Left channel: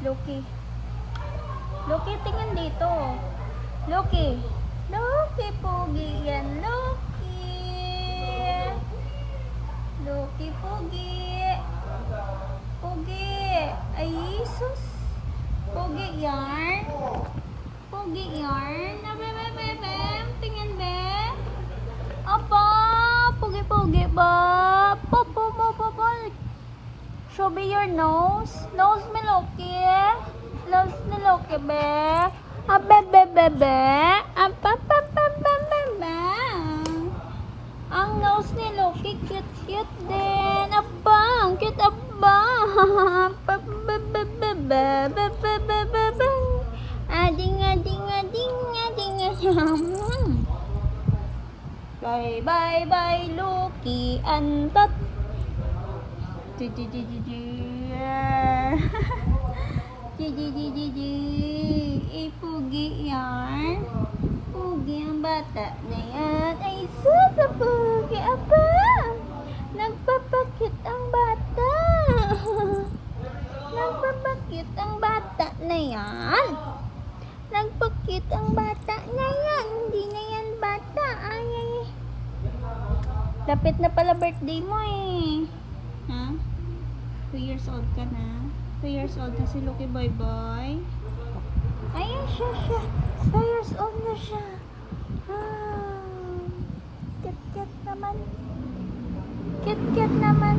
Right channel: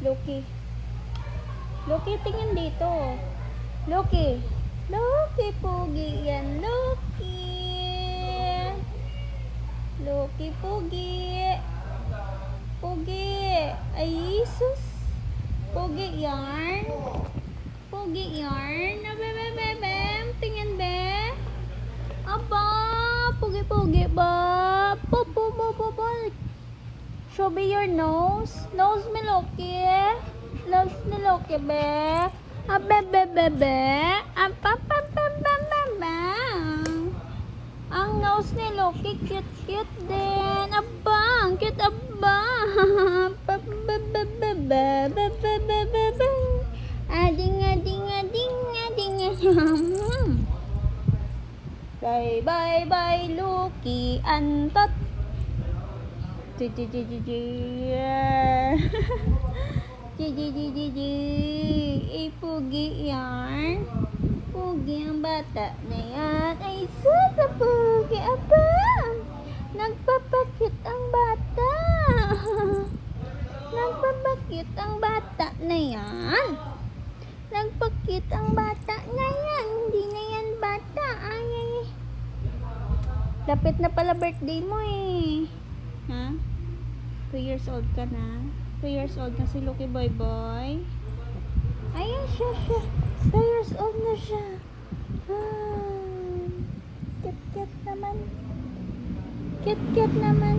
Loki. Loki, tingin dito. Loki. Loki, pogi yan. Loki. Loki, pogi. Pogi. Ay, Jesus. Pogi yarn. Pogi yarn. Abem. Tingin, be. Aba. Pogi-pogi ba? Popo. Show me your nose. Nose me, Loki. Nose me, Loki, be. Abebe. Ang nose ni Loki, cute din. Abang, cute abang. Ading. Bye, Loki. Antot. Pugi yan. Pugi ang bata na yan. Ay, sus, pugi. Aba, nagpapakit ang bata. Nagpapakit ang bata na yan. Nagpakit ang bata na yan. Hindi na yan bata. Ay. Lapit na pala birthday mo eh. Ha? 2 years old ka na? 2 years old na si Loki Boy. Ayun siya. 2 years old na siya. Cute naman. Cute naman.